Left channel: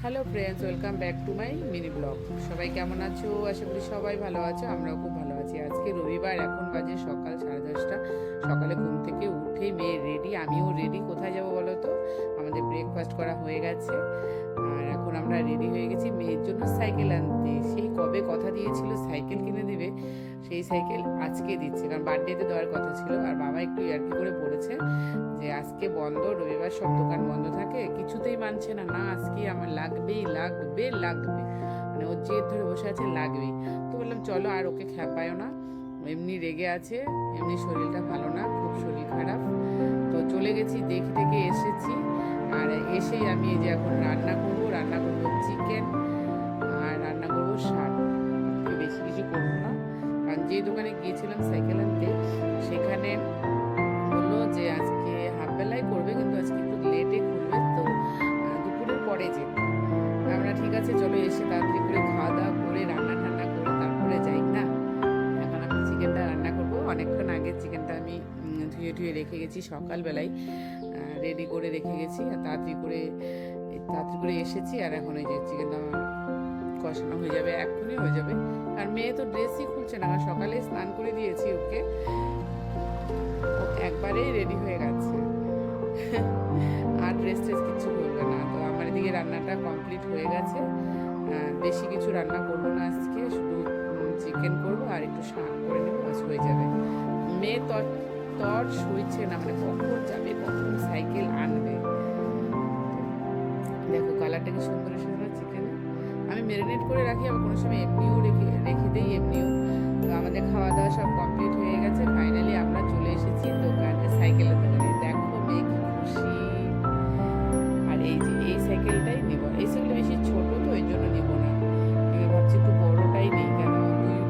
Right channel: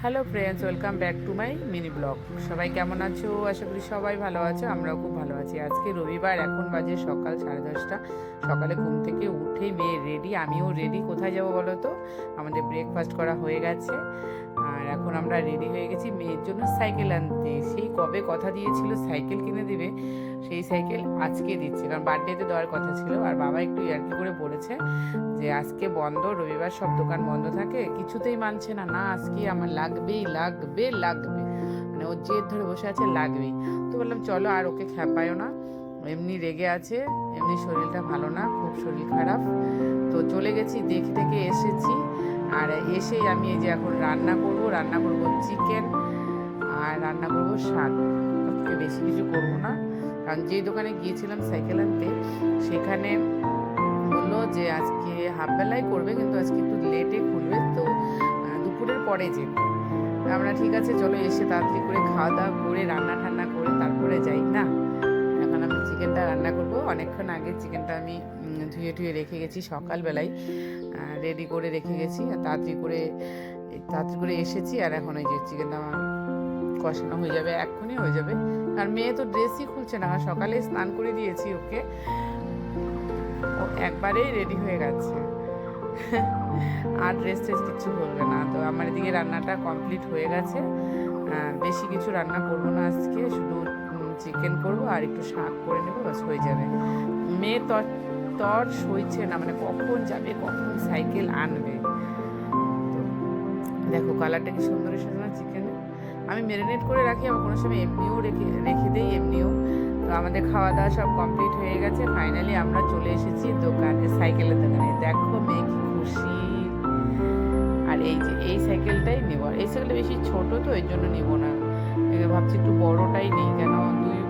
Hello friends, welcome back to my mini blog. সবাই কেমন আছো? আশা করি সবাই ভালো আছো, আমরাও খুব ভালো আছি। আজকে রবিবার, এখন বাজে সকাল 10:30। সকালে ঘুম থেকে উঠেই মেয়ে রেডি, আমিও রেডি। কোথায় যাব বলো তো? আমাদের ব্রেকফাস্ট করা হয়ে গেছে আর এখন আমরা রেডি হয়ে গেছি মেয়ের জন্য সাইকেল আনতে। সেই কবে কথা দিয়েছিল সাইকেল কিনে দিবে, সেই সাইকেল আজকে দিচ্ছে, কারণ বার্থডেতে দেওয়ার কথা ছিল। আর বাবা একটু ইয়ার্কি করে বলেছে যে আজকে বন্ধ, রবিবার সব দোকান বন্ধ থাকে। কিছুতেই মানছে না, না আজকে আমার লাগবেই লাগবে লাগবে, মানে ও জেদ ধরে বসে আছে, লাগবেই। তো বললাম চলো, আর ওকে খ্যাপায়ও না, এমনি রেগে আছে, এমনি শরীরটা ভালো না, খুব শরীর খারাপ। তো চলে গেছি, দেখে টেকে এসেছি। আর এসেই আমি এই যে এখন রান্না করব চিকেন, আর রান্না করব শাক। আজকে বেশি কিছু করব না, কারণ যেই দোকানে গিয়েছিলাম সাইকেল আনতে, সেখানে বললো যে আজকে হাফ বেলায় করবে, কিন্তু আজকে একটু লেটে খুলবে, তো দুপুরের পরে যে আমরা ঠিক আছে চলো, এসে তাড়াতাড়ি করে খাওয়া দাওয়া করে রান্না ঠান্না করে তারপরে যাই না। এখন আমি চিকেনটা রান্না করব। অনেকক্ষণ আগে চিকেনটা আমি ধুয়ে ধুয়ে রেখে গেছি, সকালবেলায় রেডি করে রেখে গেছি, আর তাড়াতাড়ি করে এসেছি। আর এখন এই যে চিকেনটা আমার কষানো হয়ে যাবে, এক্ষুনি হয়ে যাবে। আর মেয়ে তো ড্রেসই খুলছে না, সকালে স্নান করে দিয়েছি ওকে, ও একবারেই রেডি হয়ে গেছে। আর ড্রেস ট্রেস কিছু করবে না। তো আমার এদিকে রান্নাটা কমপ্লিট হয়ে গেছে। বেশি কিছু রান্না করব না আজকে, শুধু চিকেন করব আর একটু শাক করে নেবো, বাস হয়ে যাবে। মেয়ে তর সইছে না, মানে কখন যাবে, কখন সাইকেল আনবে। তো দেখো কালারটা কি সুন্দর এসেছে না চিকেনে। আমি ম্যারিনেট করে রাখি, আবার কোনো সময় এমনিও রেখে রেখে দেই এমনিও। তো আমাদের খাওয়া দাওয়া সব কমপ্লিট হয়ে গেছে, ফাইনালি আমরা চলে এসেছি দোকানে, সাইকেলের দোকানে। দেখো মেয়ে কি খুশি। আর এই যে এই সাইকেলটাই নেব, আর এই সাইকেলটা বেশি ছোট, তো এই জন্য নিব না। ভাবছি একটু বড়টাই নেই, কেন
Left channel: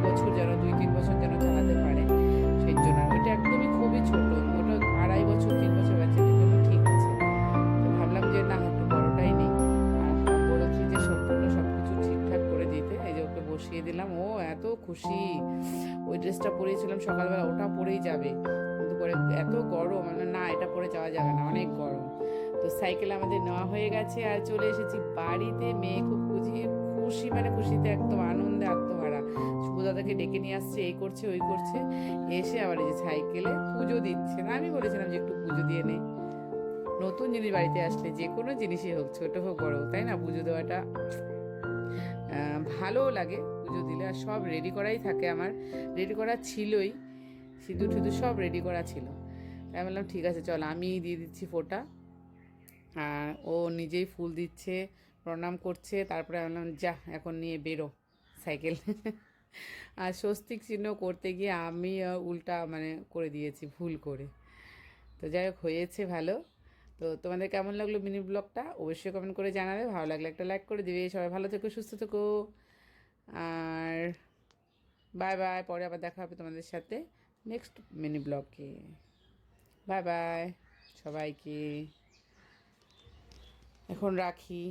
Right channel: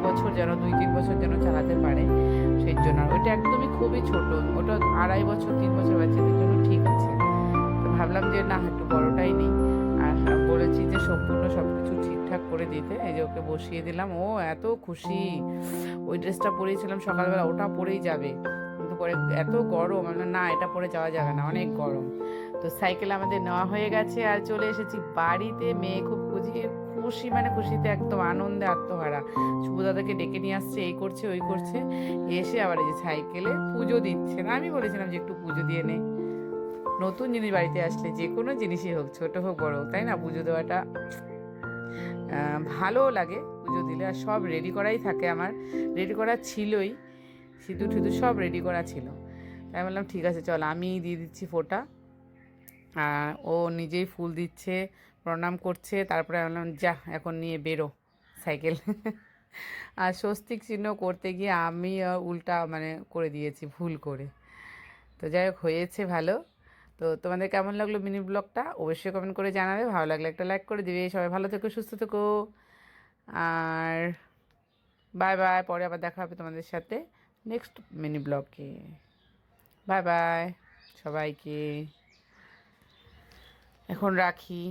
2-3 বছর যেন চালাতে পারে, সেই জন্য। আর ওইটা একদমই খুবই ছোট, ওটা 2.5-3 বছর বাচ্চাদের জন্য ঠিক আছে। তো ভাবলাম যে না, একটু বড়টাই নেই। আর বলেছি যে সম্পূর্ণ সব কিছু ঠিকঠাক করে দিতে, এই যে ওকে বসিয়ে দিলাম। ও এত খুশি, ওই ড্রেসটা পরেছিলাম সকালবেলা, ওটা পরেই যাবে, কিন্তু পরে এত গরম, মানে না এটা পরে যাওয়া যাবে না, অনেক গরম। তো সাইকেল আমাদের নেওয়া হয়ে গেছে, আর চলে এসেছি বাড়িতে। মেয়ে খুব খুশি, মানে খুশিতে একদম আনন্দে আত্মহারা। শুভ দাদাকে ডেকে নিয়ে আসছে, এই করছে ওই করছে, এসে আবার এই যে সাইকেলে পুজো দিচ্ছে না। আমি বলেছিলাম যে একটু পুজো দিয়ে নে, নতুন জিনিস বাড়িতে আসলে যে কোনো জিনিসই হোক, ছোট হোক বড় হোক, তাই না, পুজো দেওয়াটা ভালোও লাগে পুজো দিলে। আর সব রেডি করাই থাকে আমার, রেডি করা ছিলই, সিঁদুর ঠিদুর সব রেডি করা ছিল। তাই বললাম ঠিক আছে চল, আমি দিয়ে দিচ্ছি ফোঁটা। আর ও নিজেই ফুল দিচ্ছে, প্রণাম করছে। তারপরে বললাম যা এখন নিয়ে বেরো সাইকেল। আর স্বস্তিক চিহ্ন করতে গিয়ে আমি উল্টা মানে করে দিয়েছি ভুল করে। তো যাই হোক, হয়েছে ভালো। তো তোমাদের কেমন লাগলো মিনি ব্লগটা অবশ্যই কমেন্ট করে জানাবে, ভালো লাগলে একটা লাইক করে দিবে। সবাই ভালো থেকো, সুস্থ থেকো, আর বাই বাই। পরে আবার দেখা হবে তোমাদের সাথে নেক্সট মিনি ব্লগে। বাই বাই সবাইকে, এখন রাখি।